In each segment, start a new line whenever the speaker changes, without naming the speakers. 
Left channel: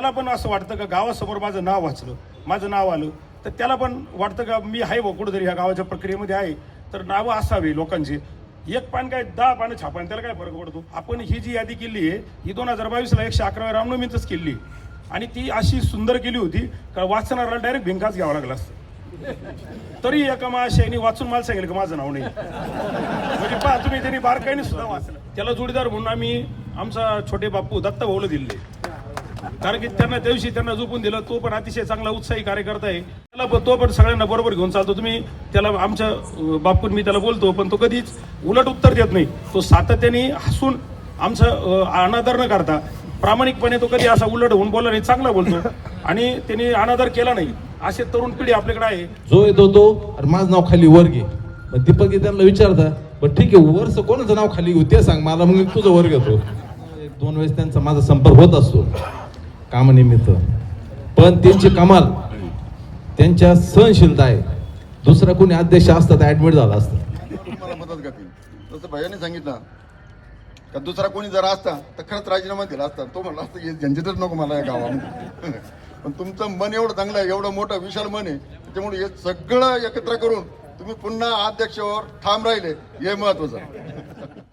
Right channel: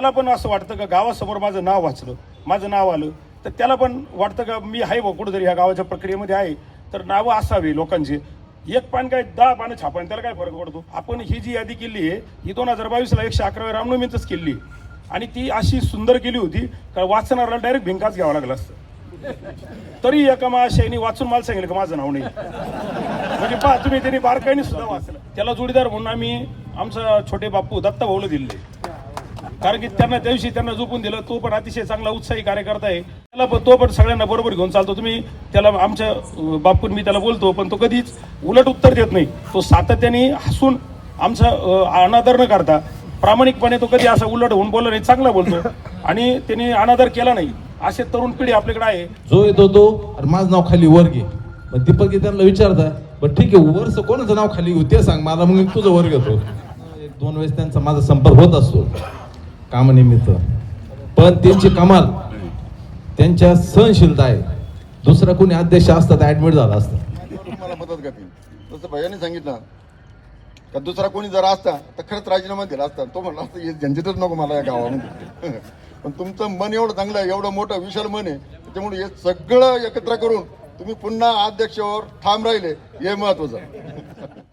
त्याला पण असं वाटतं का गावासमोर माझं नाव वाचलं माझं नाव आलं तर त्याला पण वाटतं का मी आहे बा कुठंतरी ह्या गावाच्या प्रक्रियेमध्ये आहे तर नावं असावी लोकांची. एक पान काय दहा पानं छापान त्याला काय फरक पडतो? आपण ही जी यादी केली आहे ही दोन हजार बावीसला एकशे अकराव्या रामनवमीतच केली. आणि ती अशी सुंदर केली होती का वाचणाऱ्याला डायरेक्ट भिंकाच घ्यावा लागला असतं. तरी एका महाशयानी वाचून मला सांगितलं का माझं नाव नाही. म्हणजे पा तुम्ही त्यांनी बारकाईने सुद्धा वाचलं. त्याला जोडीदार म्हणून आम्ही आमचा छोटे बापू दत्ता भाऊला दिले. कारण की त्यांना त्या दिवशी त्यांना झोपून दिलं. तो पण अतिशय चांगला उत्साही कार्यकर्ता आहे. त्याला पण तो पण सगळ्यांना बरोबर घेऊन चालतो. तुम्ही त्याला आमच्या बापून मी त्याला बोलतो पण तो कधीच उलट उत्तर देत नाही. तो सातत्याने हसून आमचा अनादर न करता प्रामाणिकपणे तो कधी असा उलट होऊन बोलला नाही चांगला बोलतो. आणि त्याने अनादर केला नाही. असे तरुण पिढी आपल्याकडे आहे.
जो येतो तो आणि माझं नाव खाली वर घे. मग दीपक त्यांना विचारता पण ठीक आहे वरच कोणाचं नाव खाली घेऊ? ते सांग मला मग तुझं वर घेतो. एक दोन वेळेस त्यांचा माझा संपर्क होत असतो. कामानिमित्त. पण त्यांची कमाल त्यांच्या सहनशीलता आहे. दुसरा कोणी अध्यक्ष असतात ऍडमिट झाला असतं.
मदत करतील जसं भैयाने सांगितलं का दुसरा कोणी जर असता तर खरंच राजीनामा दिला असता. तो म्हणला असता झंझटच नको मला या गावामध्ये. पण तुमचं मन एवढं चांगलं आहे एवढं मोठं विशाल मन आहे त्याच्यामुळे हे सगळं एकत्र करून तुम्ही पुन्हा अध्यक्षावर ठाम राहिले हे महत्वाचं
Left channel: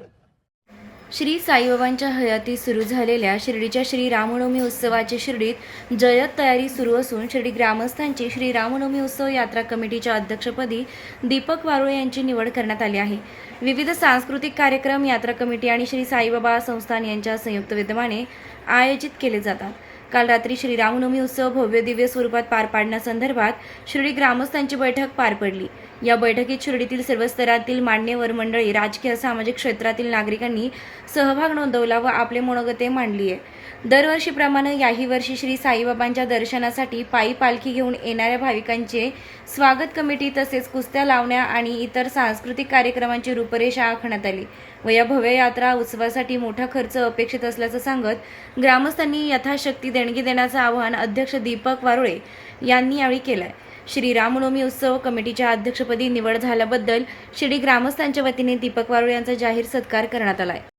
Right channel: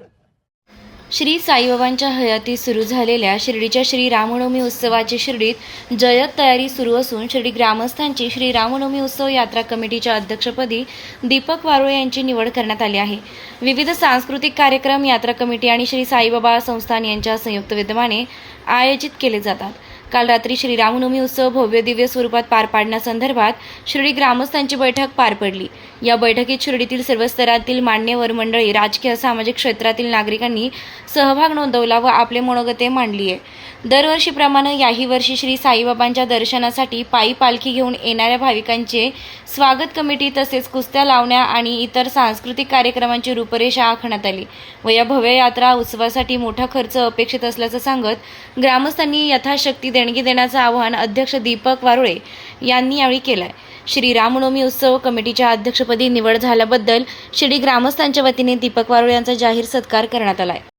श्री साईबाबांच्या हयाती सुरू झालेल्या शिर्डीच्या श्री रामनवमी उत्सवाची शिर्डीत जयत तयारी सुरू असून शिर्डी ग्रामस्थांची श्री रामनवमी उत्सव यात्रा कमिटीच्या अध्यक्षपदी दीपक वारुळे यांची निवड करण्यात आली आहे. विविध सांस्कृतिक कार्यक्रम यात्रा कमिटी आणि श्री साईबाबा संस्थान यांच्या संयुक्त विद्यमाने आयोजित केले जातात. काल रात्री श्री रामनवमी उत्सव भव्य दिव्य स्वरूपात पार पाडण्यासंदर्भात शिर्डी ग्रामस्थांची बैठक पार पडली. या बैठकीत शिर्डीतील सर्व स्तरातील मान्यवर मंडळी राजकीय सामाजिक क्षेत्रातील नागरिकांनी सहभाग नोंदवला व आपले मनोगते मांडली आहे दरवर्षीप्रमाणे याही वर्षी श्री साईबाबांच्या दर्शनासाठी पायी पालखी घेऊन येणाऱ्या भाविकांचे स्वागत कमिटी तसेच कुस्त्या लावण्या आणि इतर सांस्कृतिक कार्यक्रमांची रूपरेषा आखण्यात आली व या भव्य यात्रा उत्सवासाठी मोठा खर्च अपेक्षित असल्याचं सांगत ग्रामस्थांनी यथाशक्ती देणगी देण्याचं आवाहन अध्यक्ष दीपक वारुळे यांनी यावेळी केलं आहे श्री रामनवमी उत्सव कमिटीच्या अध्यक्षपदी निवड झाल्याबद्दल शिर्डी ग्रामस्थांच्या वतीने दीपक वारुळे यांचा जाहीर सत्कार करण्यात आला आहे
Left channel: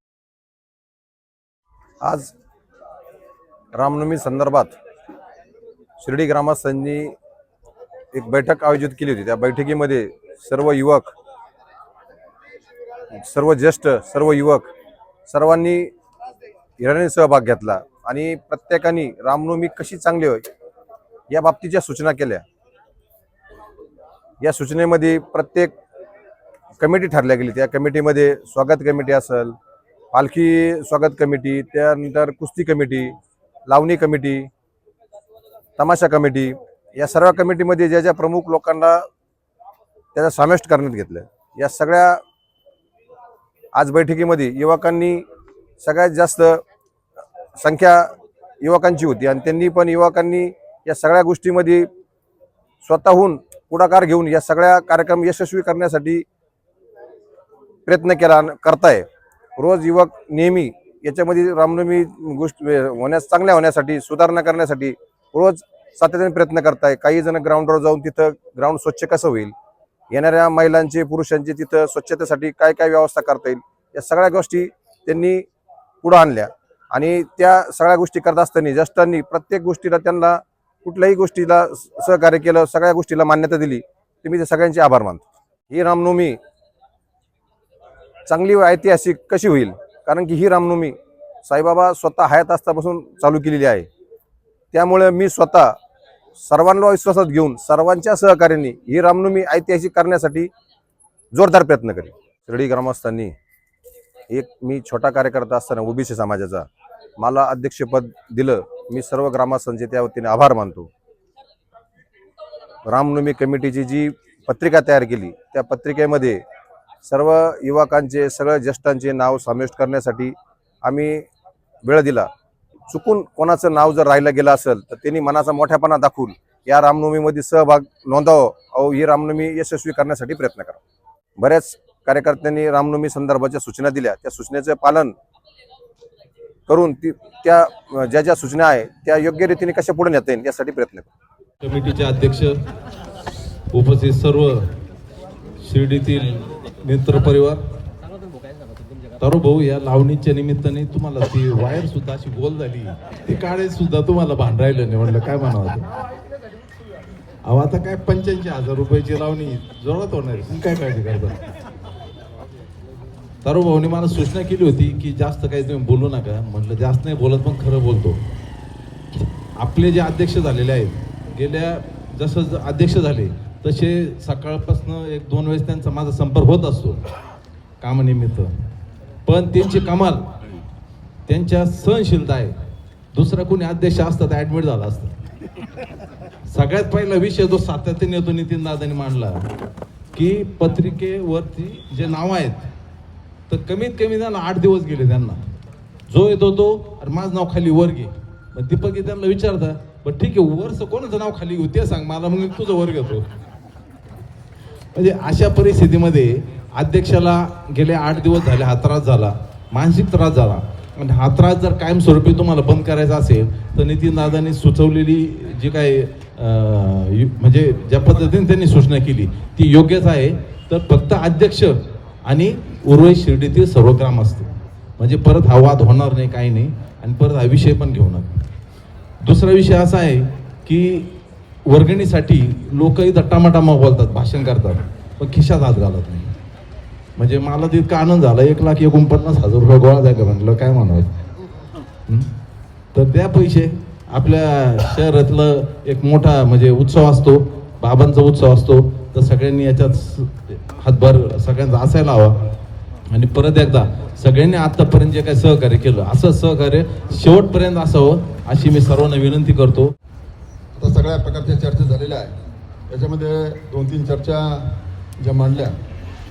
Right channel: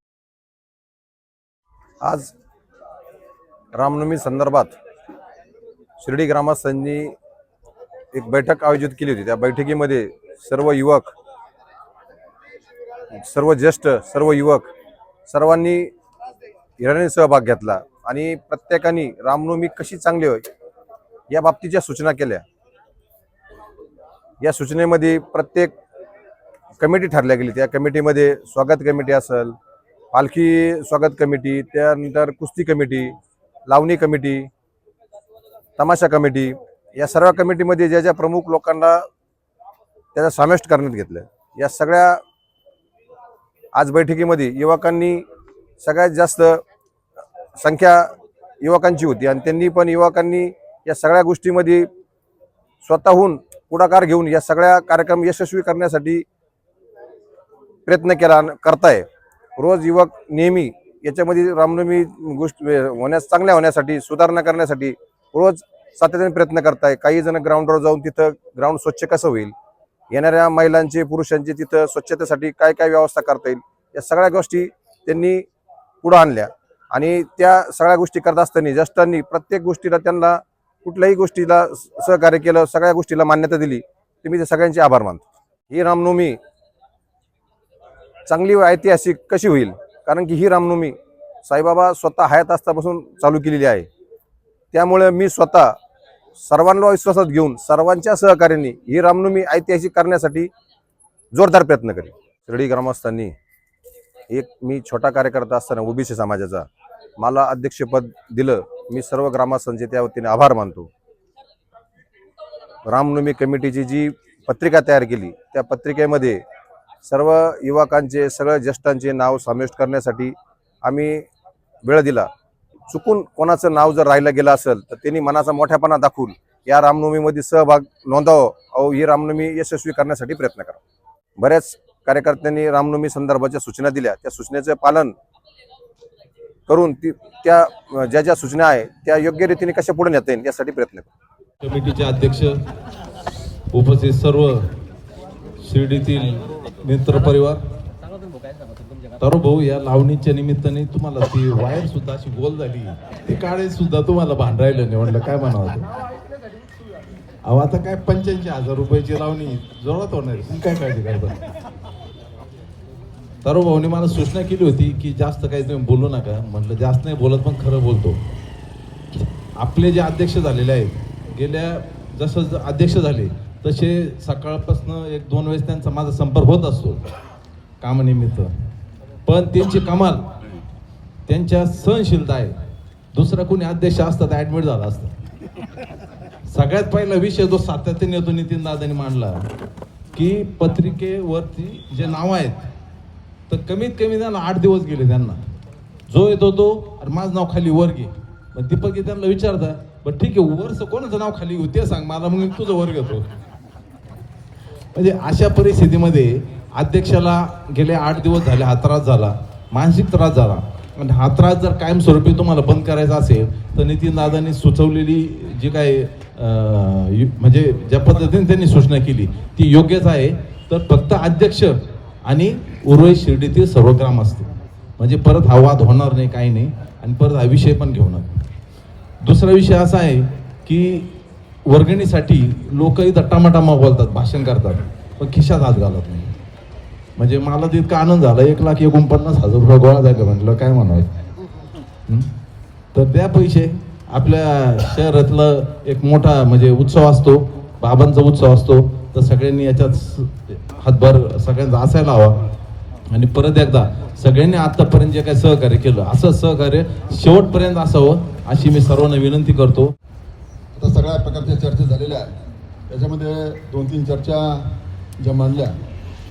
आज रामनवमी संदर्भात शिर्डी ग्रामस्थांनी एक बैठक आयोजित केली होती. त्या बैठकीमध्ये सर्व युवक सर्व ज्येष्ठ सर्व युवक सर्वांनी हिराने सहभाग घेतला आणि प्रत्येकाने रामनवमी कशी चांगली होय या बाबतीच्या सूचना केल्या. या सूचनेमध्ये प्रत्येक कमिटी ठरल्या गेली. त्या कमिटीमध्ये स्वागत कमिटी असेल पालखी स्वागत कमिटी त्यानंतर कुस्ती कमिटी लावणी कमिटी तमाशा कमिटी या सर्व कमिटीमध्ये ज्या ज्या प्रमुख लोकांना त्याचा समाविष्ट करण्यात घेतलं. या सगळ्या आज बैठकीमध्ये युवकांनी सगळ्यात जास्त संख्या युवकांची होती आणि त्यांनी पण युवकांनी या सगळ्या गोष्टीमध्ये स्वतःहून पुढाकार घेऊन या सगळ्या कार्यक्रम यशस्वी करण्यासाठी प्रयत्न केला करताय. रोज युवक नेहमी याच्यामध्ये रामनवमी गोष्ट होण्यास चांगल्या होण्यासाठी सुधारणा करण्यासाठी रोज सातत्याने प्रयत्न करताय. काही जण ग्राउंडवर जाऊन तिथं ग्राउंड स्वच्छ कसं होईल? येणाऱ्या महिलांचे पुरुषांचे तिथं स्वच्छतेसाठी काय काय व्यवस्था करता येईल? या सगळ्या गोष्टी त्यांनी पुढं आणल्या. आणि त्या सगळ्या गोष्टी करत असताना ज्येष्ठांनी प्रत्येक गोष्टीला त्यांना कुठल्याही गोष्टीला सहकार्य केलं सगळ्या गोष्टीला मान्यता दिली ते मी ते सगळ्यांचे आभार मानतो. ही रामनवमी चांगली व ऐतिहासिक कशी होईल? कारण की ही रामनवमी साईबाबा स्वतः हयात असतापासून चालू केलेली आहे. त्यामुळे मी स्वतः सर्वांना विश्वासात घेऊन सर्वांच्या सहकार्याने ही रामनवमी ऐतिहासिक करण्यासाठी जोरदार प्रयत्न करेन. शिर्डी ग्रामस्थांनी एक मी छोटा कार्यकर्ता असताना ओबीसी समाजाचा मला अध्यक्षपद दिलं. मी सर्व ग्रामस्थांचे त्या वतीने आभार मानतो. रामनवमी कमिटीची जी पत्रिका तयार केली त्या पत्रिकेमध्ये सर्व युवकांचे सगळ्या ज्येष्ठांचे नाव समाविष्ट करण्यासाठी आम्ही वेळ दिला. चुकून कोणाचं नाव जर राहिलं गेलं असेल तर त्यांनी मनाचा मोठ्यापणा दाखवून या रामनवमीमध्ये सहभाग नोंदवावं. अहो ही रामनवमी यशस्वी करण्यासाठी प्रयत्न करा. बऱ्याच कार्यकर्त्यांनी रामनवमी संदर्भाच्या सूचना दिल्या. त्या सूचनेचं पालन करून ती त्या ज्या ज्या सूचना आहे त्या योग्य रीतीने कशा पुढे नेता येईल यासाठी प्रयत्न करू.
कमिटीचे अध्यक्ष उपस्थित सर्व शिर्डीतील मित्र परिवार भाऊ या लावणीच्या निमित्ताने तुम्हाला ती वायर सुद्धा अशी गोल झाली. ती काळे सुद्धा तुम्हाला भान राहिलं नाही म्हणलं काय म्हणावं अहो आता काय पंच्याऐंशी हजार रुपयाची लावणी जोरात होणार तुम्ही काय काळजी करता? तारो भाऊने मला सूचना केली होती की जास्त काही तुम्ही बोलू नका. म्हटलं जास्त नाही बोलत पण खरं बोलतो. आपले जे अध्यक्ष झालेले आहेत गेल्या जसं ज- अध्यक्ष झाले तसे सकाळपासून एक दोन वेळेस त्यांचा माझा संपर्क होत असतो कामानिमित्त. पण त्यांची कमाल त्यांच्या सहनशीलता आहे. दुसरा कोणी अध्यक्ष असतात ॲडमिट ऍडमिट झाला असतं. सगळ्यात पहिला विषय जो सातत्याने येतो नितीन दादांनी मांडला. की पत्रिकेवरती जे नावं आहेत तर कमीत कमी त्यांना आठ दिवस गेले त्यांना. जो येतो तो अरे माझं नाव खाली वर घे. मग दीपक त्यांना विचारता बरं ठीक आहे वरचं कोणाचं नाव खाली घेऊ? ते सांग मला मग मी तुझं वर घेतो. म्हणजे अशा परिस्थितीमध्ये अध्यक्षाला गेले आठ दिवस झाले हा त्रास झाला मानसिक त्रास झाला. आणि हा त्रास जर कायमस्वरूपी तुम्हाला बंद करायचा असेल तर नितीन दादांनी सुचवलेली जी काय यु- म्हणजे ज्या पद्धतीने त्यांनी सूचना केली ती योग्यच आहे. तर फक्त अध्यक्ष आणि उर्वरित शिर्डीतील सर्व ग्राम असते म्हणजे परत हा वाद होणार नाही काही नाही. आणि परत हा विषय पण घेऊ नका दुसरा विषय असा आहे की वर्गणीसाठी लोकही इथं टमाटामा बोलतात भाषण करतात पण खिशात हात घालत नाही. म्हणजे मला तितका आनंद झाला एक लाख एकोणपन्नास हजार रुपये गोळा झाले म्हटलं काय म्हणायचं तर त्या पैसे. आपल्या शहरातलं एक मोठा म्हणजे उत्सव असतो बाबांचा उत्सव असतो तर सगळ्यांनी याच्यात हातभार सगळ्यांचा असायला हवा. आणि परत एकदा सगळ्यांनी आतापर्यंत जे काही सहकार्य केलं असं सहकार्य शेवटपर्यंत असावं अशी मी सर्वांना विनंती करतो.
आता सगळ्या प्रकारच्या चर्चा झालेल्या आहेत. त्याच्यामध्ये दोन तीन चर्चा ज्या मांडल्या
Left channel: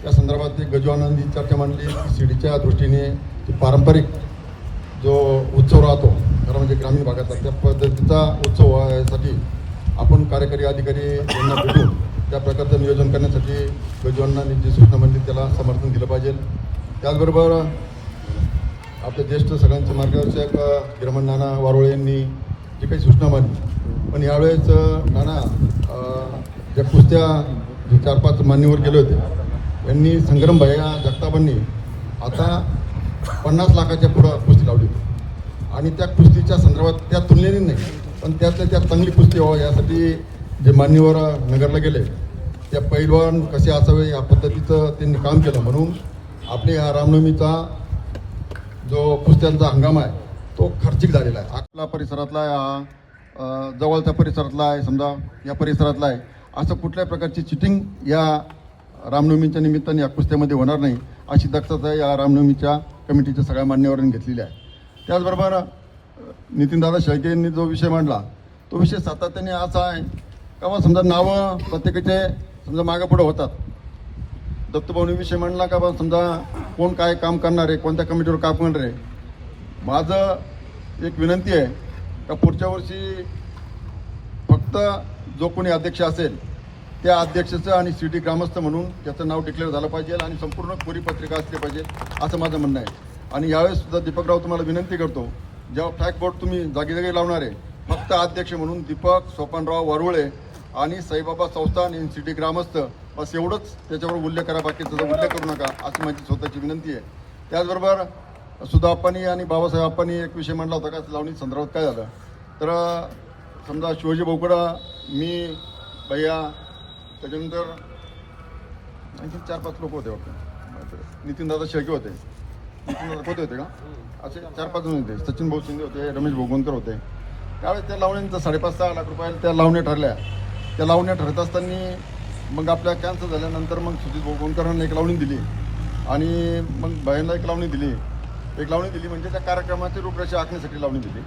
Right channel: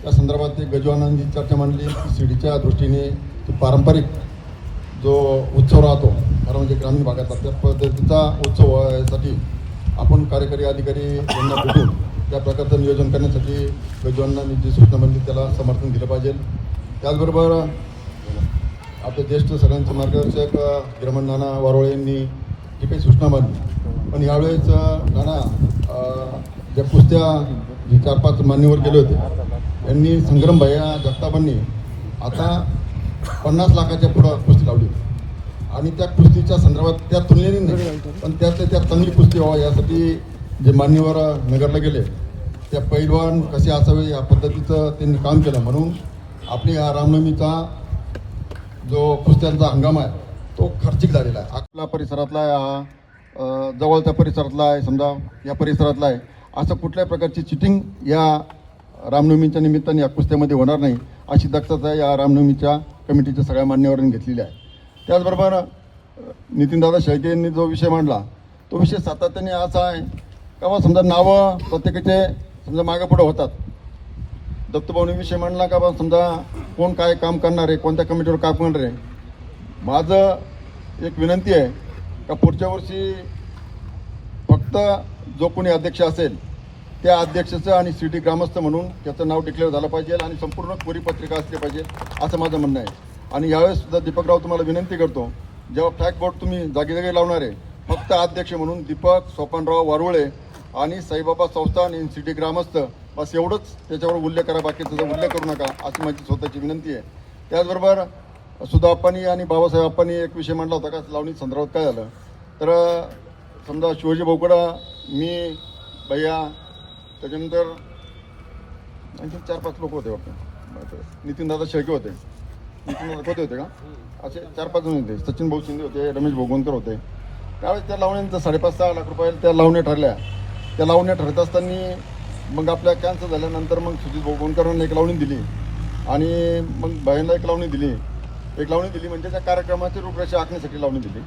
त्या संदर्भात ती गजवानंदी चर्चा मांडली. शिडीच्या दृष्टीने तो पारंपरिक जो उत्सव राहतो खरं म्हणजे ग्रामीण भागातला त्या पद्धतीचा उत्सव यासाठी आपण कार्यकारी अधिकारी यांना भेटून त्या प्रकारचं नियोजन करण्यासाठी गजवानांनी जी सूचना मांडली त्याला समर्थन दिलं पाहिजे. त्याचबरोबर आपले ज्येष्ठ सगळ्यांचे मार्गदर्शक गिरमण नाना वारोळे यांनी जी काही सूचना मांडली पण यावेळेस अ, नाना ज्या कुस्त्या जे चार पाच मान्यवर गेले होते यांनी संग्राम भैया जगतापांनी आता पन्नास लाखाच्या पुढं कुस्ती लावली होती. आणि त्या कुस्तीच्या संदर्भात त्या तुलनेने नाही पण त्यातल्या त्यात चांगली कुस्ती व्हावं यासाठी जे मान्यवर नगरला गेले त्या पैलवान कसे असावे या पद्धतीचं त्यांनी काम केलं. म्हणून आपली या रामनवमीचा जो कुस्त्यांचा हंगाम आहे तो खर्चिक झालेला आहे. आपला परिसरातला जवळच्या परिसरातला आहे समजा या परिसरातला आहे. असं कुठल्याही प्रकारची चिटिंग या रामनवमीच्या निमित्ताने या कुस्त्यामध्ये होणार नाही अशी दक्षता या रामनवमीच्या कमिटीच्या सगळ्या मान्यवरांनी घेतलेली आहे. त्याचबरोबर नितीनदादा शेळके यांनी जो विषय मांडला तो विषय सातत्याने असा आहे का बा समजा नावं प्रत्येकाचे समजा मागे पुढं होतात. दत्तभाऊनी विषय मांडला का बा समजा कोण काय काम करणार आहे कोणत्या कमिटीवर काम करणार आहे. माझं एक विनंती आहे का पुढच्या वर्षी फक्त जो कोणी अध्यक्ष असेल त्या अध्यक्षाचं आणि सिटी ग्रामस्थ म्हणून त्याचं नाव डिक्लेअर झालं पाहिजे आणि संपूर्ण कोरी पत्रिका असली पाहिजे असं माझं म्हणणं आहे. आणि यावेळेस सुद्धा दीपकराव तुम्हाला विनंती करतो जेव्हा फ्लॅग बोर्ड तुम्ही जागी जागी लावणार आहे फक्त अध्यक्ष म्हणून दीपक सोपानराव वारुळे आणि साईबाबा संस्थान इन सिटी ग्रामस्थ बस एवढंच त्याच्यावर उल्लेख करा बाकीचा उल्लेख करू नका अशी माझी स्वतःची विनंती आहे. त्याचबरोबर सुद्धा आप्पांनी आणि बाबासाहेब आप्पांनी एक विषय म्हटला होता का लावणी संदर्भात काय झालं? तर समजा शिवाजी भाऊकडं मी भैया त्याच्यानंतर आणखी चार पाच लोक होते वाटतं. नितीन दादा शेळके होते. होते होते का? असे चार पाच जण होते. सचिन भाऊ शिंदे होते रमेश भोगवणकर होते. त्यावेळेस त्या लावण्यांचा साडेपाच सहा लाख रुपये त्या लावण्या ठरल्या. त्या लावण्या ठरत असताना मग आपल्या कॅन्सर झाल्यानंतर मग सुजित भोगवणकरांना एक लावणी दिली. आणि मग भाईंना एक लावणी दिली. एक लावणी दिली म्हणजे त्या कार्यक्रमाची रूपरेषा आखण्यासाठी लावणी दिली.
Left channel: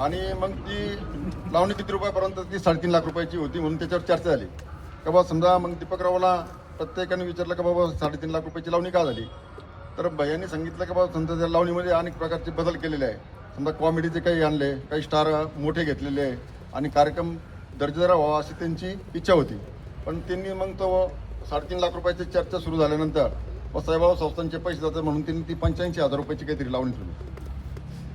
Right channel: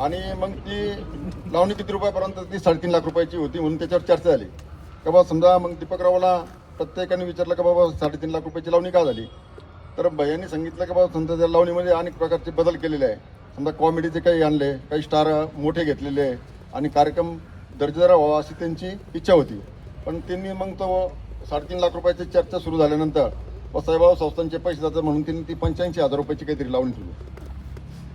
आणि मग ती लावणी किती रुपयापर्यंत ती साडेतीन लाख रुपयाची होती म्हणून त्याच्यावर चर्चा झाली. का बाबा समजा मग दीपकरावला प्रत्येकाने विचारलं का बाबा साडेतीन लाख रुपयाची लावणी का झाली? तर भैयांनी सांगितलं की बाबा समजा त्या लावणीमध्ये अनेक प्रकारचे बदल केलेले आहे. समजा कॉमेडीचे काही आणले काही स्टार मोठे घेतलेले आहे. आणि कार्यक्रम दर्जेदार व्हावा अशी त्यांची इच्छा होती. पण त्यांनी मग तो साडेतीन लाख रुपयाची चर्चा सुरू झाल्यानंतर व साईबाबा संस्थांचे पैसे जातात म्हणून त्यांनी ती पंच्याऐंशी हजार रुपयाची काहीतरी लावणी ठेवली.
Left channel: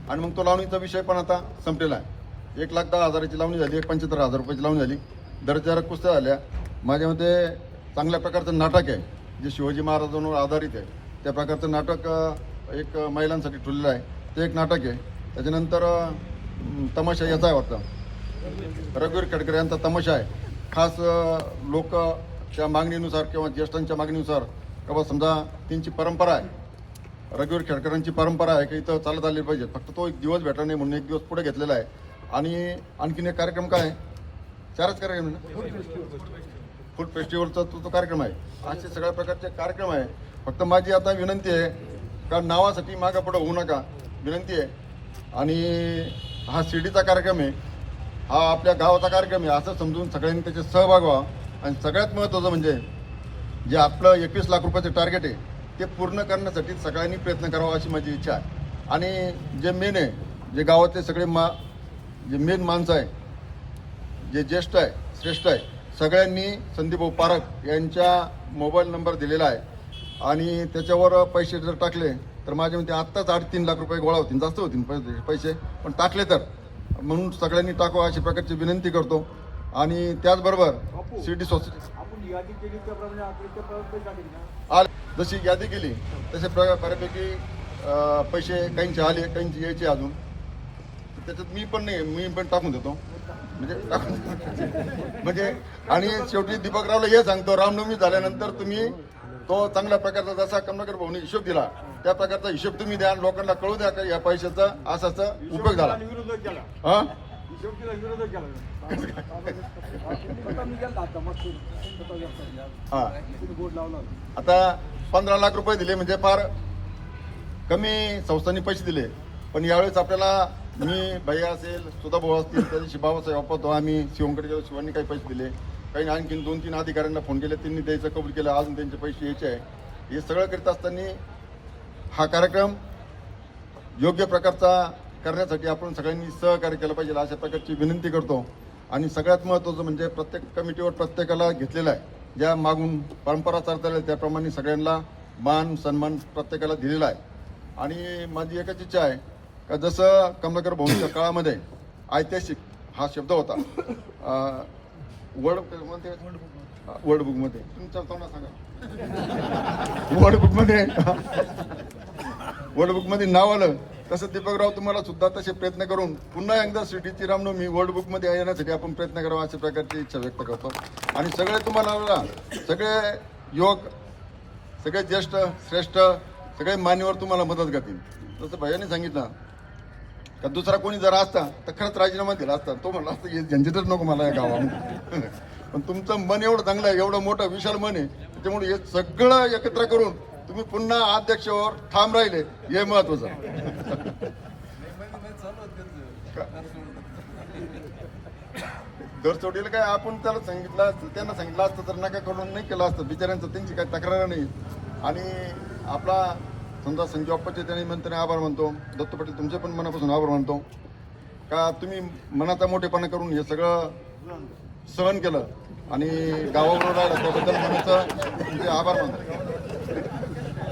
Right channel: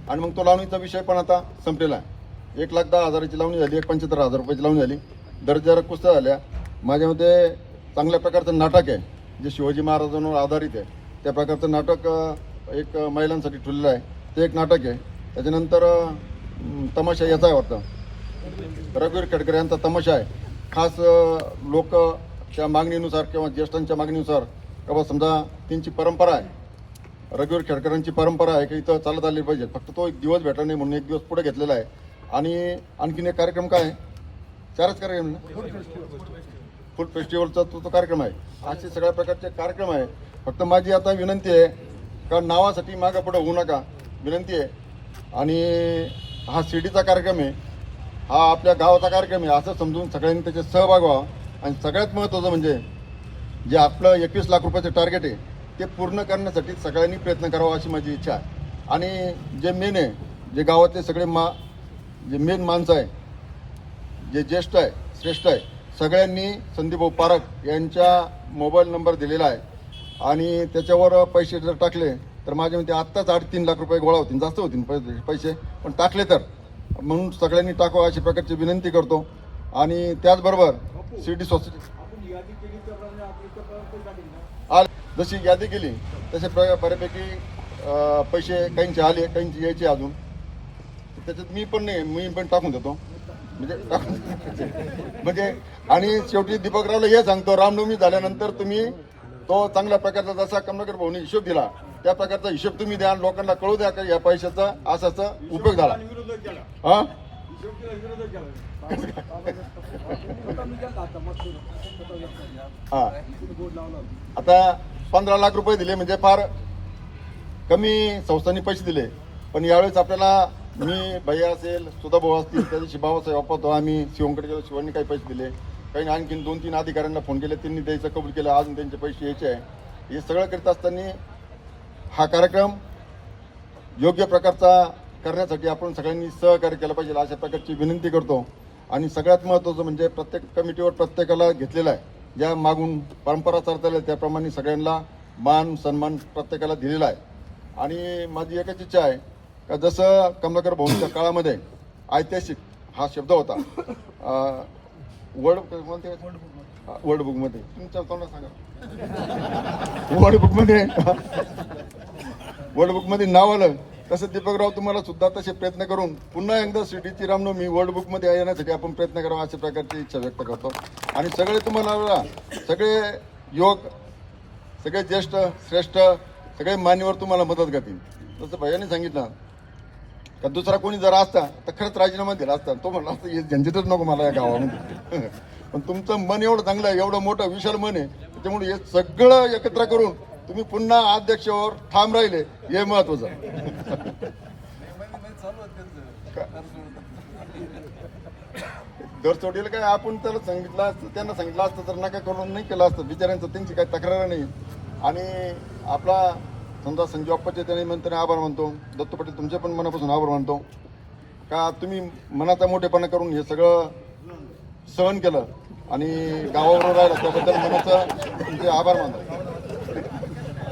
आणि मग तो लावणीचा विषय पण आता संपलेला आहे. एक लाख दहा हजाराची लावणी झाली एक पंच्याहत्तर हजार रुपयाची लावणी झाली. दर्जावर कुस्त्या झाल्या. माझ्यामध्ये चांगल्या प्रकारचं नाटक आहे जे शिवाजी महाराजांवर आधारित आहे. त्या प्रकारचं नाटक एक महिलांसाठी ठेवलेलं आहे. ते एक नाटक आहे. त्याच्यानंतर तमाशा याचा आहे वाटतं. रघुवीर खडकर यांचा तमाशा आहे. खास लोक त्या मागणीनुसार किंवा ज्येष्ठांच्या मागणीनुसार किंवा समजा त्यांची परंपरा आहे. रघुवीर खेडकरांची परंपरा आहे की इथं चालत आली पाहिजे. फक्त तो एक दिवस भेटला नाही म्हणून एक दिवस पुढे घेतलेला आहे. आणि आणखीन एक कार्यक्रम काय आहे? चारच कार्यक्रम? फूड फेस्टिवलचा तो तो कार्यक्रम आहे. असे सगळ्या प्रकारचे कार्यक्रम आहे. फक्त माझी आता विनंती आहे का नावासाठी मागं पुढं होऊ नका. विनंती आहे. आणि हा शिर्डीचा कार्यक्रम आहे. हा आपल्या गावाचा कार्यक्रम आहे. असं समजून सगळ्यांनी त्याच्यात सहभाग व्हावा. आणि सगळ्यात महत्त्वाचं म्हणजे जे आपलं एकवीस लाख रुपयाचं टार्गेट आहे ते पूर्ण करण्यासाठी सगळ्यांनी प्रयत्न करावा अशी माझी इच्छा आहे. आणि जे मेन आहे जे गावातले सगळे मा जे मेन माणसं आहे जे ज्येष्ठ आहे श्रेष्ठ आहे सगळ्यांनी संदीपभाऊ पारख यांच्या मोबाईल नंबर दिलेला आहे. आणि त्याच्यावर पैसे जर टाकले तर माझ्या मते आत्ताच आठ तीन लाख रुपये गोळा होतील. जास्त होतील पैसे. पण टाकले तर. म्हणून सगळ्यांनी टाकावं अशी प्रकारची विनंती करतो. आणि त्याचबरोबर सिटी सोसायटी जशी यादी केली तसे बऱ्यापैकी पैसे काहींचे आले काहींचे यायचे अजून. त्याच्यात मी पण नाही मी पण टाकून देतो. म्हणजे म्हणजे आणि शेवटी दीपकरावला हे सांगतो रामनवमी झाल्यानंतर तुम्ही तो चांगल्या प्रकारचा जसा कमलाकर भाऊने हिशोब दिला त्या प्रकारचा हिशोब तुम्ही द्या लोकांना कळू द्या का या पैशाचा असाचा उपयोग झाला. हा? हा. आता पंधरा लाख रुपये दिले म्हणजे फार कमी संस्थांनी पैसे दिले. पण यावेळेस आपल्याला मी भैया असेल सुधा भाऊ असतील त्या दिवशी बाबासाहेब वापरतो आम्ही शिवमकडे गेलो शिवांनी काही पैसे दिले. काही आणखीन दोन तीन अधिकाऱ्यांना फोन केले त्यांनी द्यायचं कबूल केलं अजून त्यांचे पैसे यायचे आहे. हे सगळं करीत असताना हा कार्यक्रम योग्य प्रकारचा करण्यासाठी आपण सगळ्यांनी सहकार्य केलं पाहिजे अशा प्रकारची विनंती करतो. आणि सगळ्यात महत्त्वाचं म्हणजे प्रत्येक कमिटीवर प्रत्येकाला घेतलेलं आहे. ज्या मागून परंपरा चालत आल्या त्याप्रमाणे सगळ्यांना मान सन्मान प्रत्येकाला दिलेला आहे. आणि माझी एकच इच्छा आहे का जसं कमलाकर भाऊच्या काळामध्ये ऐतिहासिक हा शब्द होता. अं, वर्ल्ड म्हणते वर्ल्ड बुकमध्ये तुमच्या तोंडात सांगा. वर्ल्ड बुकमध्ये वर्ल्ड बुकमध्ये नाव आलं. तसं दीपकराव तुम्हाला सुद्धा तसे प्रयत्न करून पुन्हा एकदा सिटीची रामनवमी वर्ल्ड बुकमध्ये येण्यासाठी आपण प्रयत्न करावा अशा प्रकारची इच्छा व्यक्त करतो. आणि सगळे तुम्हाला सगळे योग सगळे ज्येष्ठ श्रेष्ठ सगळे मान्यवर तुम्हाला मदत करतील. जसं भैयाने सांगितलं का दुसरा कोणी जर असता तर खरंच राजीनामा दिला असता तो म्हणला असता हे झंझटच नको मला या गावामध्ये. पण तुमचं मन एवढं चांगलं आहे एवढं मोठं विशाल मन आहे त्यामुळे हे सगळं एकत्र करून तुम्ही पुन्हा अध्यक्षावर ठाम राहिले हे महत्वाचं घरचोडीला काय आपण त्याला सांगितलं असतं त्यांना सांगितलं असतं तर नका करून नाही केलं असतं. बिचाऱ्यांचं त्यांची काही तक्रार नाही. आणि आपला समजा संजय अप्पाचे त्यांनी म्हणताना आभार मानतो दत्त पटेल तुमचे पण मनापासून आभार मानतो. का तुम्ही मनाचा मोठेपणा करून हे सगळं सहन केलं आणि गावाबरोबर राहिलं त्याबद्दल मनाचा तुमचे आभार मानतो.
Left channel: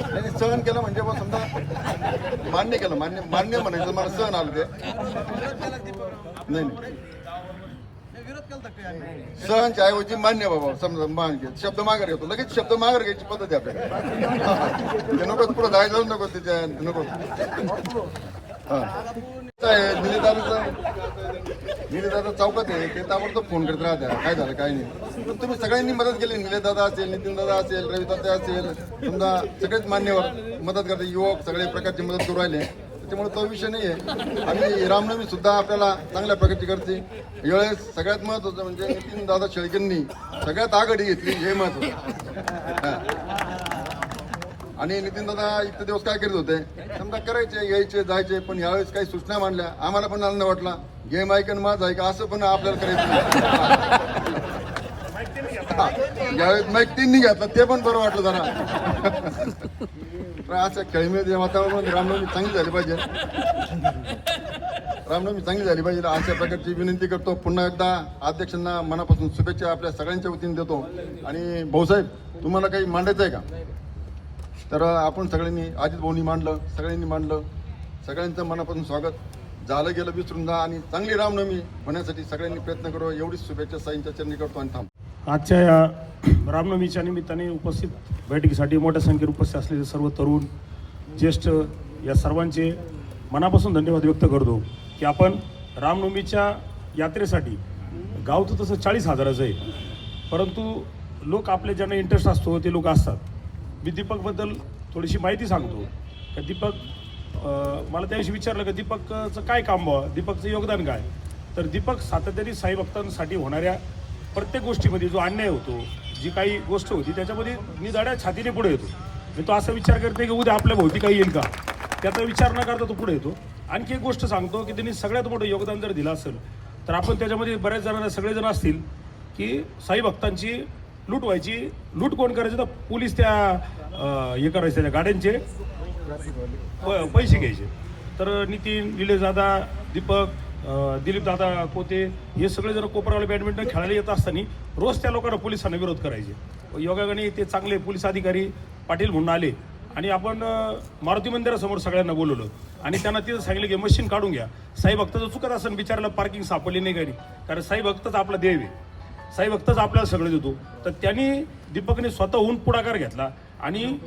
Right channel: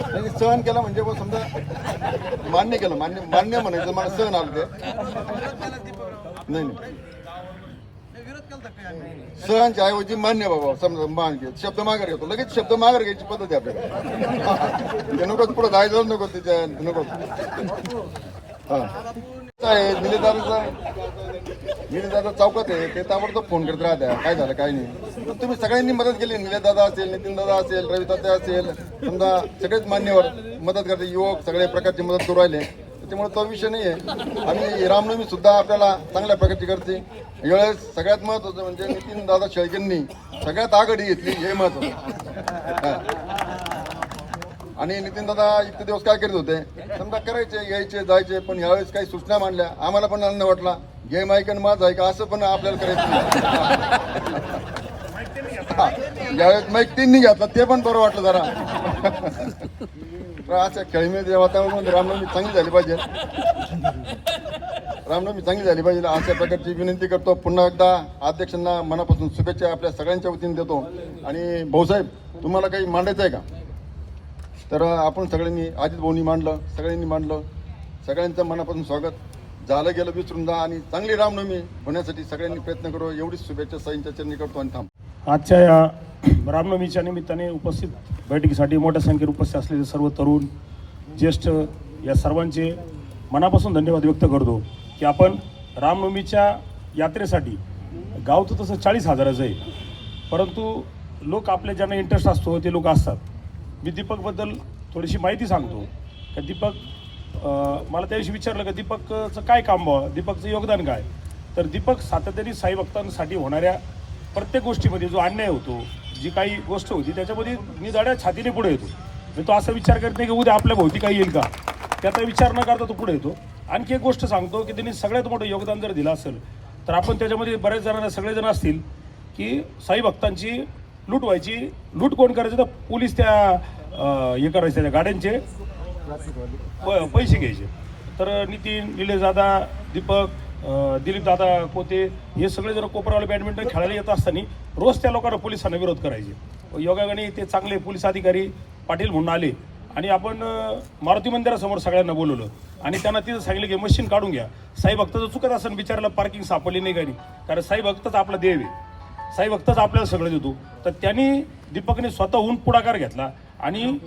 त्यांनी सहन केलं म्हणजे बा समजा मान्य केलं मान्य मान्य म्हणायचं मला सहन आलं ते. नाही सहनच्या ऐवजी मान्य बाबा समजा मान घेत शब्द माघार घेतो लगेच शब्द माघार घ्यायची पद्धत आहे आपल्याला नकोच पुढे जायला नको तिच्या नको. निलेदाराचा निलेदादा चौकात आहे ते ताबडतोब फोन करत राहत्या. काय झालं काय नाही. पण तुम्ही सगळ्यांनी मदत केली निलेदादा असेल नितीन दादा असेल रवी दादा असेल समजा सगळेच मान्यवर मदत करते युवक सगळ्या प्रकारची मदत करू राहिले. त्याच्यामुळे तो विषय नाही आहे आणि रामनवमी सुद्धा आपल्याला चांगल्या प्रकारची करते. यावेळेस सगळ्यात महत्वाचं म्हणजे नितीन दादा शेळकेंनी सगळ्यात आघाडी घेतली हे महत्वाचं आणि नितीन दादा इतके दिवस काय करत होते? समजा करायचे यायचे जायचे पण यावेळेस काही सूचना मांडल्या. आम्हाला पण आनंद वाटला. गेम ऐकन माझ ऐका असं पण आपल्याला करायचं यावेळेस माईक तीननी घातलं ते पण बरं वाटलं जरा. तर अशा खेळीमध्ये वातावरण रामनवमी चांगली झाली पाहिजे. रामनवमी चांगली झाली पाहिजे. अशा प्रकारची विनंती करतो. पुन्हा एकदा अध्यक्षांना मनापासून शुभेच्छा आपल्या सगळ्यांच्या वतीने देतो. आणि भाऊसाहेब तुम्हाला काही मांडायचं आहे का? तर आपण सगळ्यांनी अजित भाऊनी मांडलं सगळ्यांनी मांडलं. सगळ्यांचं मनापासून स्वागत. झालं गेलं विसरून जा आणि चांगली रामनवमी होण्यासाठी सगळ्यांनी प्रयत्न करू. एवढीच शुभेच्छा साईंच्या चरणी करतो आणि थांब.
आजच्या या रामनवमीच्या निमित्ताने उपस्थित बैठकीसाठी मोठ्या संख्येने उपस्थित असलेले सर्व तरुण ज्येष्ठ या सर्वांचे मनापासून धन्यवाद व्यक्त करतो की आपण रामनवमीच्या यात्रेसाठी गाव तर तसं चाळीस हजाराचं आहे. परंतु लोक आपल्या ज्यांना इंटरेस्ट असतो ते लोक असतात. मी दीपकबद्दल थोडीशी माहिती सांगतो. का दीपक मला त्याविषयी विचारलं की दीपकचं काय काम व्हावं दीपकचं योगदान काय? तर दीपक सातत्याने साई भक्तांसाठी होणाऱ्या प्रत्येक गोष्टीमध्ये जो अन्याय होतो जी काही गोष्ट होती त्याच्यामध्ये मी निजाड्या छातीने पुढे येतो. मी तो असा विचार करत नाही की उद्या आपल्या भोवती काही येईल का? त्याचा विचार न करता तो पुढे येतो. आणखी एक गोष्ट सांगतो की त्यांनी सगळ्यात मोठं योगदान जर दिलं असेल तर आपण त्याच्यामध्ये बऱ्याच जणांना सगळेजण असतील की साई भक्तांची लूट व्हायची. लूट कोण करायचं तर पोलीस त्या हे करायचे त्या गाड्यांचे. प- पैसे घ्यायचे. तर नितीन निलेश दादा दीपक दिलीप दादा पोते हे सगळे जर कोपरावले बॅडमिंटन खेळायला येत असताना रोज त्या लोकांना पोलिसांना विरोध करायचे. योगागाने ते चांगले पोलीस अधिकारी पाटील म्हणून आले. आणि आपण मारुती मंदिरासमोर सगळ्यांना बोलवलं. आणि त्यांना तिथं सांगितलं की मशीन काढून घ्या. साई भक्ताचं चुकत असं बिचाराला पार्किंग सापडली नाही गाडी कारण साई भक्तच आपला देव आहे. साई भक्तच आपल्याला सगळं देतो. तर त्यांनी दीपकने स्वतःहून पुढाकार घेतला आणि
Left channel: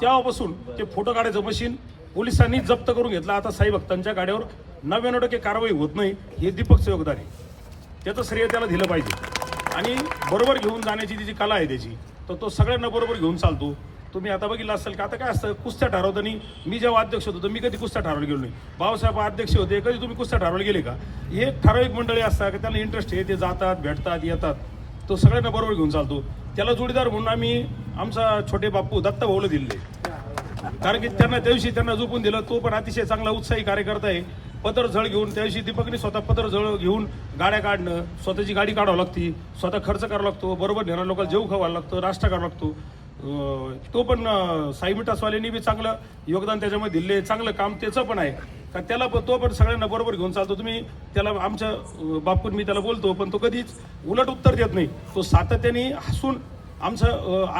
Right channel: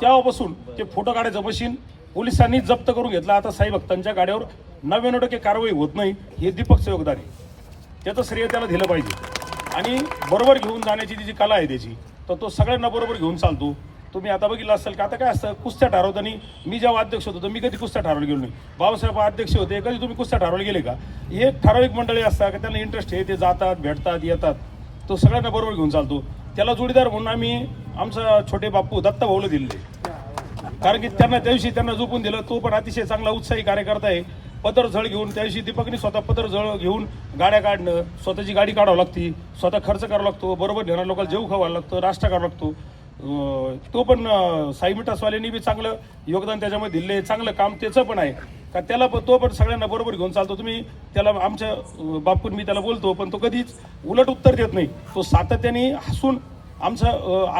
तेव्हापासून ते फोटो काढायचं मशीन पोलिसांनी जप्त करून घेतला. आता साई भक्तांच्या गाड्यावर नव्याण्णव टक्के कारवाई होत नाही. हे दीपकचं योगदान आहे. त्याचं श्रेय त्याला दिलं पाहिजे. आणि बरोबर घेऊन जाण्याची जी जी कला आहे त्याची तर तो सगळ्यांना बरोबर घेऊन चालतो. तुम्ही आता बघितलं असेल का? आता काय असतं? कुस्त्या ठरवताना मी जेव्हा अध्यक्ष होतो तर मी कधी कुस्त्या ठरवलं गेलो नाही. बाबासाहेब अध्यक्ष होते कधी तुम्ही कुस्त्या ठरवले गेले का? हे एक ठराविक मंडळी असतात का? त्यांना इंटरेस्ट आहे ते जातात भेटतात येतात. तो सगळ्यांना बरोबर घेऊन चालतो. त्याला जोडीदार म्हणून आम्ही आमचा छोटे बापू दत्ता भाऊला दिले कारण की त्यांना त्या दिवशी त्यांना झोपून दिलं तो पण अतिशय चांगला उत्साही कार्यकर्ता आहे. पत्र झळ घेऊन त्या दिवशी दीपकने स्वतः पत्र झळ घेऊन गाड्या काढणं स्वतःची गाडी काढावं लागती स्वतः खर्च करावा लागतो बरोबर नेणाऱ्या लोकांना जेव खावा लागतं नाश्ता करावा लागतो. तो पण साई मिठासवाल्यांनी बी चांगलं योगदान त्याच्यामध्ये दिले चांगलं काम त्याचं पण आहे. का त्याला पण तो पण सगळ्यांना बरोबर घेऊन चालतो. तुम्ही त्याला आमच्या बापून मी त्याला बोलतो पण तो कधीच उलट उत्तर देत नाही. तो सातत्याने हसून आमचा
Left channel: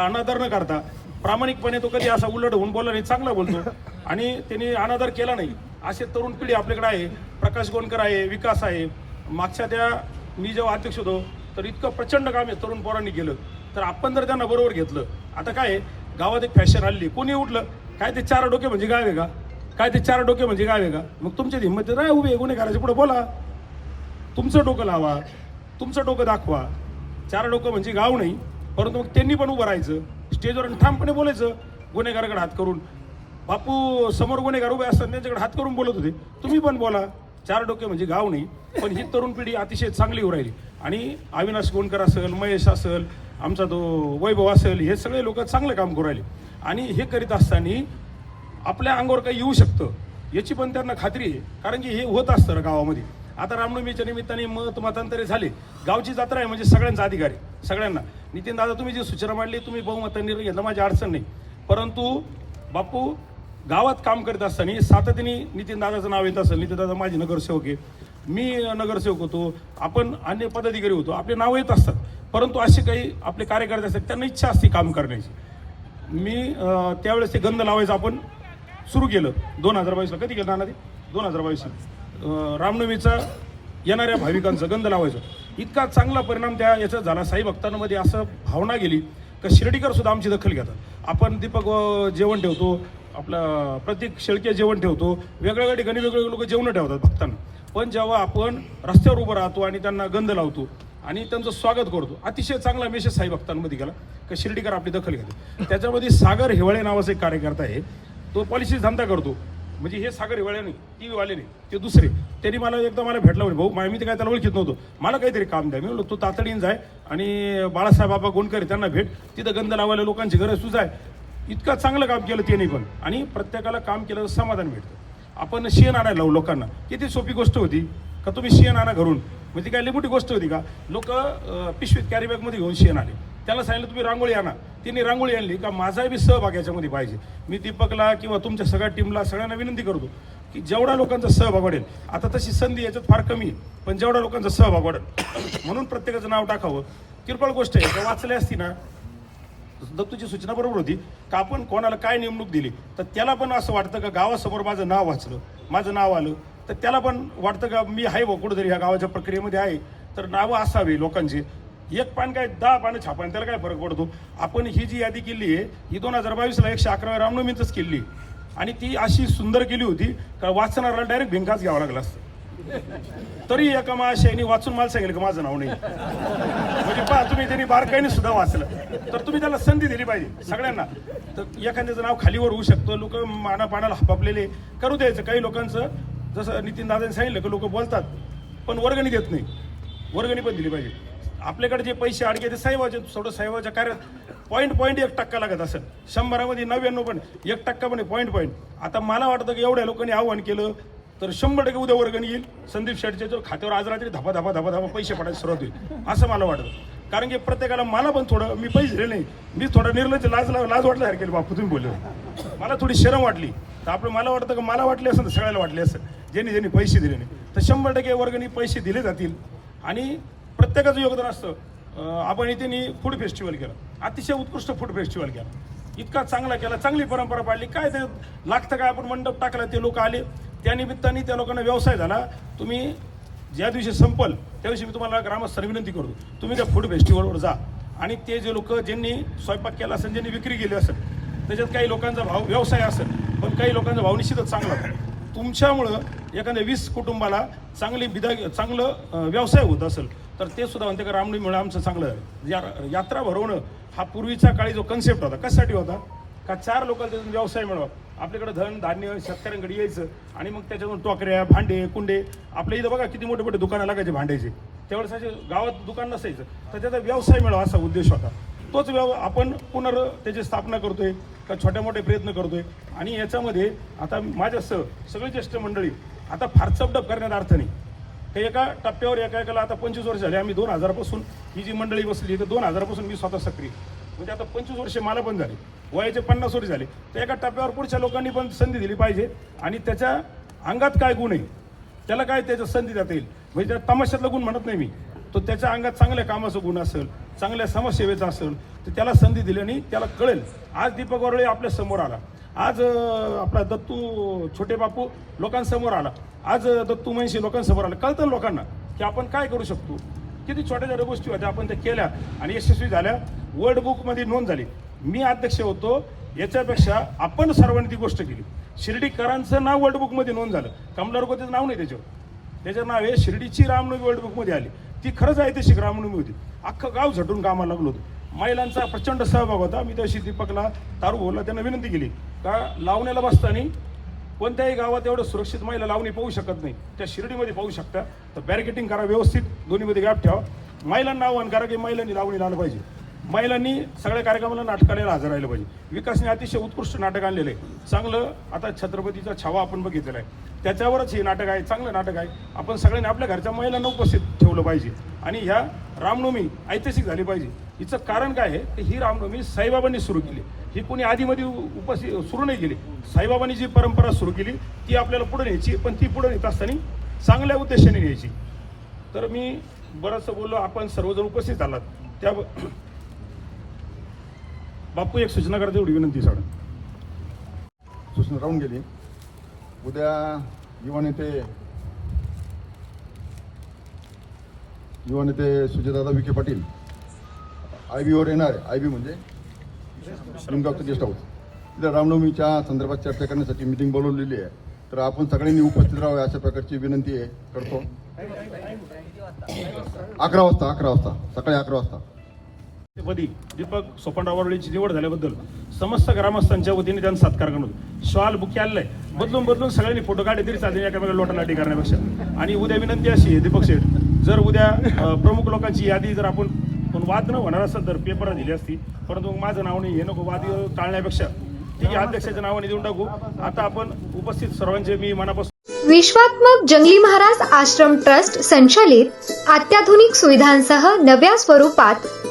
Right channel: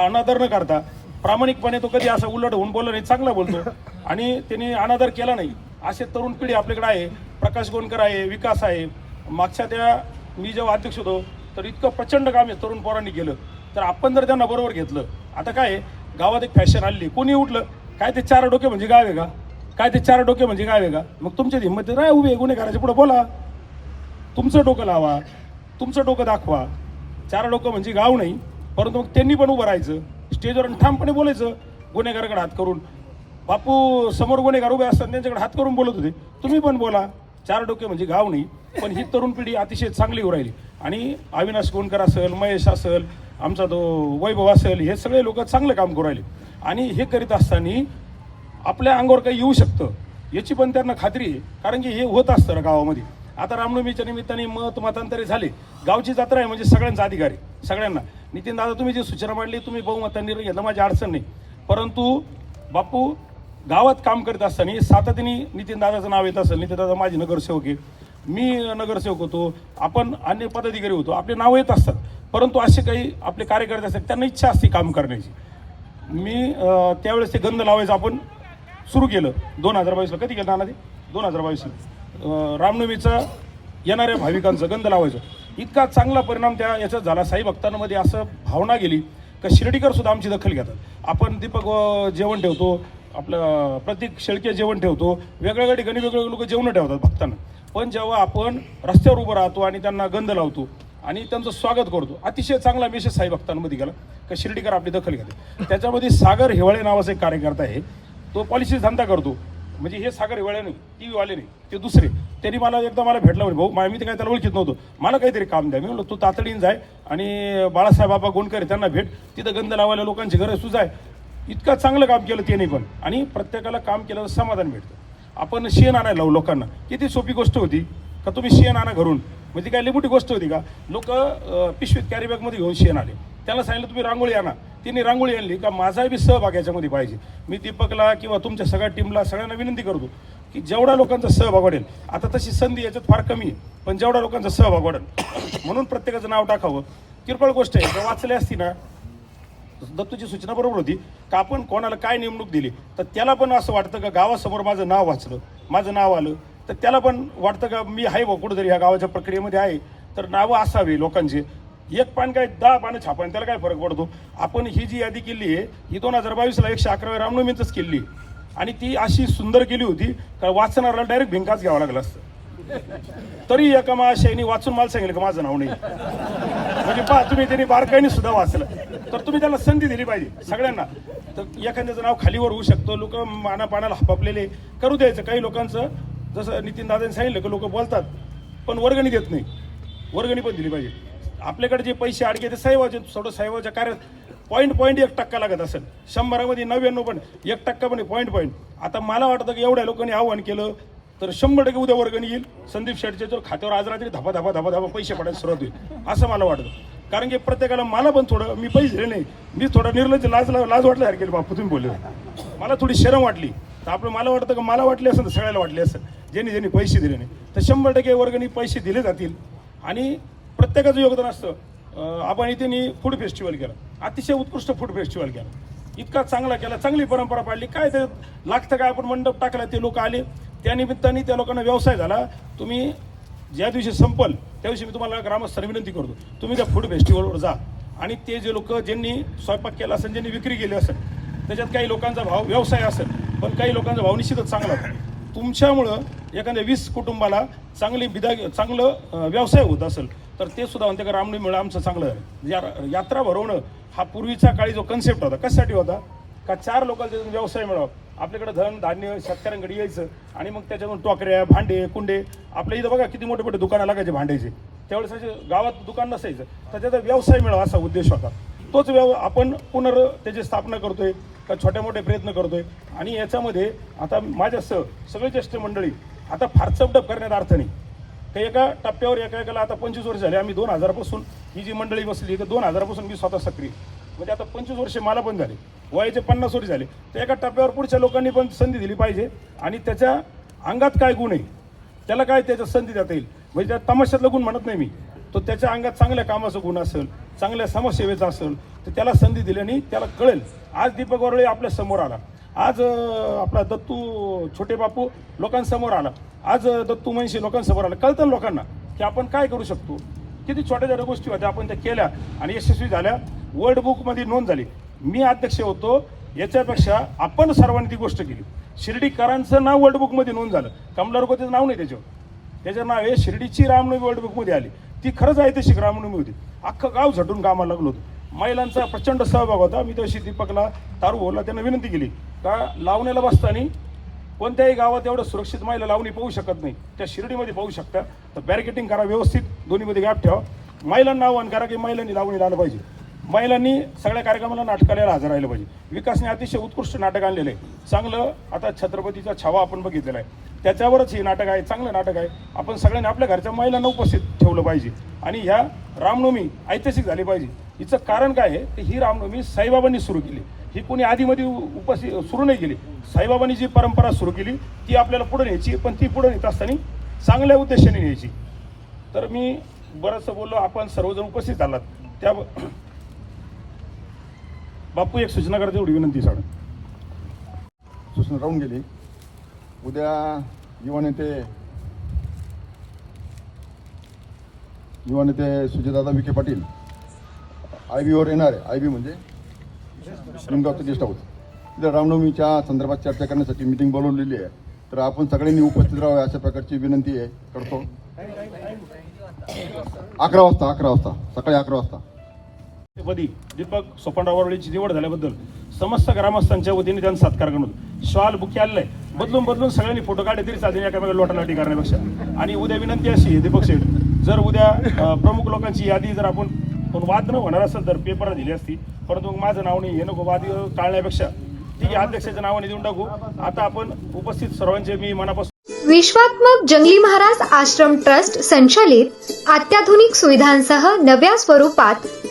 अनादर न करता प्रामाणिकपणे तो कधी असा उलट होऊन बोलला नाही चांगला बोलतो. आणि त्याने अनादर केला नाही. असे तरुण पिढी आपल्याकडे आहे. प्रकाश गोनकर आहे विकास आहे. मागच्या त्या मी जेव्हा अध्यक्ष होतो तर इतकं प्रचंड काम आहे तरुण पोरांनी केलं. तर आपण जर त्यांना बरोबर घेतलं आता काय आहे, गावात एक फॅशन आली कोणी उठलं? काय ते चार डोके म्हणजे गाव आहे का? काय ते चार डोके म्हणजे गाव आहे का? मग तुमच्या हिंमत नाही उभे गुन्हेगाराच्या पुढे बोला. तुमचं डोकं लावा. तुमचं डोकं दाखवा. चार डोकं म्हणजे गाव नाही परंतु मग त्यांनी पण उभं राहायचं. स्टेजवर ठामपणे बोलायचं गुन्हेगाराकडे हात करून. बापू समोर गुन्हेगार उभे असतात त्यांच्याकडे हात करून बोलत होते. तुम्ही पण बोला. चार डोके म्हणजे गाव नाही पण ही तरुण पिढी अतिशय चांगली होऊ राहिली. आणि अविनाश गोंडकर असेल महेश असेल आमचा तो वैभव असेल हे सगळे लोक चांगलं काम करू राहिले. आणि हे करीत असताना आपल्या अंगावर काही येऊ शकतं याची पण त्यांना खात्री आहे. कारण की हे होत असतं गावामध्ये. आता रामनवमीच्या निमित्ताने मत मतांतरे झाले. गावची जत्रा आहे म्हणजे सगळ्यांचा अधिकारी सगळ्यांना. नितीन दादा तुम्ही जी सूचना मांडली तुम्ही बहुमतांनी निर्णय घेतला माझी अडचण नाही. परंतु बापू गावात काम करत असताना सातत्याने नितीन दादाचं नाव येत असेल नितीन दादा माझे नगरसेवक आहे. मी नगरसेवक होतो. आपण अन्य पदाधिकारी होतो. आपले नावं येत असतात. परंतु असे काही आपले कार्यकर्ते असतात त्यांना इच्छा असते काम करण्याची. मी त्यावेळेस ते गंध लावायचं आपण सुरू केलं. दोन हजार बावीसला. कधी केलं आधी ते दोन हजार बावीसला. रामनवमीचा येणाऱ्या भाविकांचं गंध लावायचं. इतका चांगला परिणाम त्या याचा झाला. साई भक्तांमध्ये असं भावना गेली का शिर्डीकर सुद्धा आमची दखल घेतात. आपण दीपक जेवण ठेवतो. आपलं प्रतीक शेळके जेवण ठेवतो. वेगवेगळ्या ठिकाणी वेगवेगळे लोक जेवण ठेवतात भक्तांना. पण जेव्हा आपण रस्त्यावर उभं राहतो आणि त्यांना गंध लावतो आणि त्यांचं स्वागत करतो. अतिशय चांगला मेसेज साई भक्तांमध्ये गेला. का शिर्डीकर आपली दखल घेते त्याच्यामध्ये सागर हिवाळे नावाचा एक कार्यकर्ता आहे. तो पॉलिसी धंदा करतो. म्हणजे हे सागर हिवाळे नाही टी व्हीवाले नाही ते दुसरे. त्यांनी मला एकदा मला भेटला म्हणजे भाऊ मा- मी ते काय त्याला ओळखीत नव्हतो. मला काहीतरी काम द्या. मी म्हणलो तू तातडीन जाय आणि बाळासाहेब बाबा गोंडकर त्यांना भेट. तिथं गंध लावायला लोकांची गरज तुझं आहे इतकं चांगलं काम केलं त्याने पण. आणि प्रत्येकाला काम केलं समाधान भेटतं. आपण शेण आणायला लावू लोकांना. किती सोपी गोष्ट होती. का तुम्ही शेण आणा घरून. म्हणजे काय लई मोठी गोष्ट होती का? लोक पिशवीत कॅरीबॅगमध्ये घेऊन शेण आले. त्याला सांगितलं तुम्ही रांगोळी आणा. त्यांनी रांगोळी आणली का माझा बी सहभाग याच्यामध्ये पाहिजे. मी दीपकला किंवा तुमच्या सगळ्या टीमला सगळ्यांना विनंती करतो की जेवढा लोकांचा सहभाग वाढेल आता तशी संधी याच्यात फार कमी आहे पण जेवढा लोकांचा सहभाग वाढेल म्हणून प्रत्येकाचं नाव टाकावं. किरकोळ गोष्ट आहे जर वाचली असती ना दत्तूची सूचना बरोबर होती का आपण कोणाला काय नेमणूक दिली तर त्याला पण असं वाटतं का गावासमोर माझं नाव वाचलं माझं नाव आलं तर त्याला पण वाटतं का मी आहे बा कुठंतरी ह्या गावाच्या प्रक्रियेमध्ये आहे. तर नावं असावी लोकांची. एक पान काय दहा पानं छापा त्याला काय फरक पडतो? आपण ही जी यादी केली आहे ही दोन हजार बावीसला एकशे अकरा रामनवमीतच केली. आणि ती अशी सुंदर केली होती का वाचणाऱ्याला डायरेक्ट भिंकाच घ्यावा लागला असतं. तरी एका महाशयानी वाचून मला सांगितलं का माझं नाव नाही? म्हणजे पहा तुम्ही त्यांनी बारकाईने सुद्धा वाचलं. तर तुम्ही त्याला संधी दिली पाहिजे सगळ्यांना. तर एखाद्याचं नाव खालीवर होऊ शकतं लोक मानापानाला हपापलेले करू द्यायचं. काही लोकांचं जसं नितीन दादांनी सांगितलं की लोक बोलतात पण वर्गणी देत नाही. वर्गणी पण दिली पाहिजे. आपल्याकडे जे पैसे अडके ते साहेबाचे थोडं साहेबाच्या कार्यात पॉईंट पॉईंट एक टक्का लागत असेल. शंभरामध्ये नव्याण्णव पण एक टक्का पण पॉईंट पॉईंट आता मला वाटतं की एवढ्या लोकांनी आव्हान केलं तर शंभर टक्के उद्या वर्गणी येईल. संदीप शेटच्या खात्यावर आज रात्री धबा धबा धबा धबा पैसे पडायला सुरुवात होईल असं मला वाटतं. कारण की प्रत्येकाला मला पण थोडं मी पैसे दिले नाही. मी थोडं निर्लज लाज लाज वाटल्यासारखे बापू तुम्ही बोलले. मला थोडी शरम वाटली. तर आपलं मला वाटतं का मला वाटले असेल तर सगळ्याला वाटले असेल. ज्यांनी ज्यांनी पैसे दिले नाही तर शंभर टक्के वर्गणी पैसे दिले जातील. आणि प्रत्येकाचं योगदान असतं. आपण इथे फूड फेस्टिवल केला. अतिशय उत्कृष्ट फूड फेस्टिवल केला. इतका चांगला केला चांगली परंपरा पाडली. काय ते लागतं काय? आपण मंडप टाकला ते लोक आले. त्या निमित्ताने त्या लोकांना व्यवसाय झाला. तुम्ही ज्या दिवशी संपल त्या दिवशी मी तुम्हाला ग्रामस्थ विनंती करतो. तुम्ही त्या फूड फेस्टिवलवर जा. आणि ते जे लोक ज्यांनी स्वयंपाक केला असेल ज्यांनी विक्री केली असेल त्याच्यात काही लोकांचा भाव व्यवसाय असेल पण काही लोकांचा भाव निश्चितच चांगला तुमच्यामुळं एखाद्या वीस कुटुंबाला चांगली बिदा चांगलं व्यवसाय होत असेल तर ते सुद्धा म्हणते का रामणीमुळे आमचं चांगलं आहे. या- यात्रा भरवणं हा पूर्वीच्या काळी जो कन्सेप्ट होता कशासाठी होता? का चार लोकांना त्यातून व्यवसाय मिळावा. आपल्याकडे धन धान्य शेतकऱ्यांकडे यायचं आणि मग त्याच्यातून टोकऱ्या भांडे कुंडे आपल्या इथं बघा किती मोठे मोठे दुकानं लागायचे भांड्याचे. त्यावेळेस असे गावात दुकान नसायचं तर त्याचा व्यवसाय मिळावा असा उद्देश होता. तोच व्यव आपण पुनर् त्याची स्थापना करतोय का छोट्या मोठे प्रयत्न करतोय. आणि याच्यामध्ये आता माझ्या स सगळे ज्येष्ठ मंडळी आता फार चपडप करण्यात अर्थ नाही. ते एका टप्प्यावर एका एकाला आता पंचवीस वर्ष झाले. आम्ही दोन हजारपासून ही जी मंडळी बसली तर दोन हजारपासून मी स्वतः सक्रिय. म्हणजे आता पंचवीस वर्ष मला पण झाले. वयाचे पन्नास वर्ष झाले. तर एका टप्प्यावर पुढच्या लोकांनी पण संधी दिली पाहिजे. आणि त्याच्या अंगात काय गुण आहे त्याला काय त्याच्या संधी देता येईल? म्हणजे त्या तमाशातला गुण म्हणत नाही मी. तो त्याच्या अंगात चांगल्या कामाचा गुण असेल चांगल्या समाजसेवेचा असेल तर त्याला संधी दिल्याने त्याला कळेल. आज दीपक वरळे आपल्यासमोर आला. आज आपला दत्तू छोटे बापू लोकांसमोर आला. आज दत्तू म्हणशी लोकांसमोर आला. कळतं लोकांना की आपण काय करू शकतो? किती छोट्या छोट्या गोष्टी होत्या आपण त्या केल्या आणि यशस्वी झाल्या. वर्ल्ड बुकमध्ये नोंद झाली. मी अध्यक्ष होतो. याच्यापेक्षा आपण सर्वांनी ती गोष्ट केली. शिर्डीकरांचं नाव वर्ल्ड बुकमध्ये नोंद झालं. कमलारकोतेचं नाव नाही त्याच्यावर. त्याचं नाव आहे शिर्डीची रामनवमी वर्ल्ड बुकमध्ये आली. ती खरंच ऐतिहासिक रामनवमी होती. अख्खं गाव झटून कामाला लागलो होतो. महिलांचा प्रचंड सहभाग होता. मी त्याशी दीपकला तारू बोलला त्यांना विनंती केली. का लावण्याला बसताना कोणत्याही गावात एवढं सुरक्षित महिला लावणी पाहू शकत नाही. त्या शिर्डीमध्ये पाहू शकता. तर बॅरिकेटिंग करा व्यवस्थित. दोन्हीमध्ये गॅप ठेवा. महिलांना आव्हान करा की महिलांनी लावणी लावलं पाहिजे. महिलांनी सगळ्या कार्यक्रमाला नाटकाला हजर राहिलं पाहिजे. विकासने अतिशय उत्कृष्ट नाटक आणलेलं आहे. चांगलं आता छत्रपतीचा छावा आपण बघितलेला आहे. त्याच्यावरच हे नाटक आहे चांगलं नाटक आहे. आपण सगळ्यांनी आपल्या घरच्या महिलांना उपस्थित ठेवलं पाहिजे. आणि ह्या रामनवमी ऐतिहासिक झाली पाहिजे. हिचं कारण काय आहे? की ही रामनवमी साईबाबांनी सुरू केली. ही कोणी आधीमध्ये उपस्थित सुरू नाही केली. साईबाबांनी जी परंपरा सुरू केली ती आपल्याला पुढे न्यायची पण ती पुढे नेत असताना चांगल्या उद्देशाने न्यायची. तर मी बरंचसं बोललो आपण सर्वजण उपस्थित आलात. त्या बापू एक सूचना करते एवढी विनंती सांग
सूचना राहून गेली. उद्या युवा नेते युवा नेते सुजयदादा विखे पाटील आय बीवर येणार आहे. आय बी म्हणजे निमगावचं गेस्ट हाऊस तिथे रामनवमीच्या संदर्भात चर्चा करण्यासाठी मिटिंग बोलवलेली आहे. तर आपण सगळ्यांनी उपस्थित राहावे अशा प्रकारची विनंती आहे करतो. अकरा वाजता अकरा वाजता सकाळी अकरा वाजता.
पदी दीपक सोपंडावरळीची निवड झाल्याबद्दल समस्त ग्रामस्थांच्या वतीने त्यांना सत्कार करून श्वाल बुके आलेला बदलून बदलून सगळ्यांनी फोटो काढले तरी चालेल एकामेका लोटालाटी करण्यापेक्षा. आणि उद्या विनंती अशी आहे दीपक शेठ जर उद्या प्रमुख लोकांची यादी जर आपण पण वाद न होणार असेल तर पेपर दिली असती परंतु माझं नाव नाही हे नको वाद टाळण्यापेक्षा. ठीक आहे अध्यक्षाच्या नावाने देऊन टाकू. आता आपण उपस्थित सर्वांचे मी मनापासून
विश्वात्मक जंगली महाराज आश्रम ट्रस्ट संचालित अत्याधुनिक सुविधांसह नव्या स्वरूपात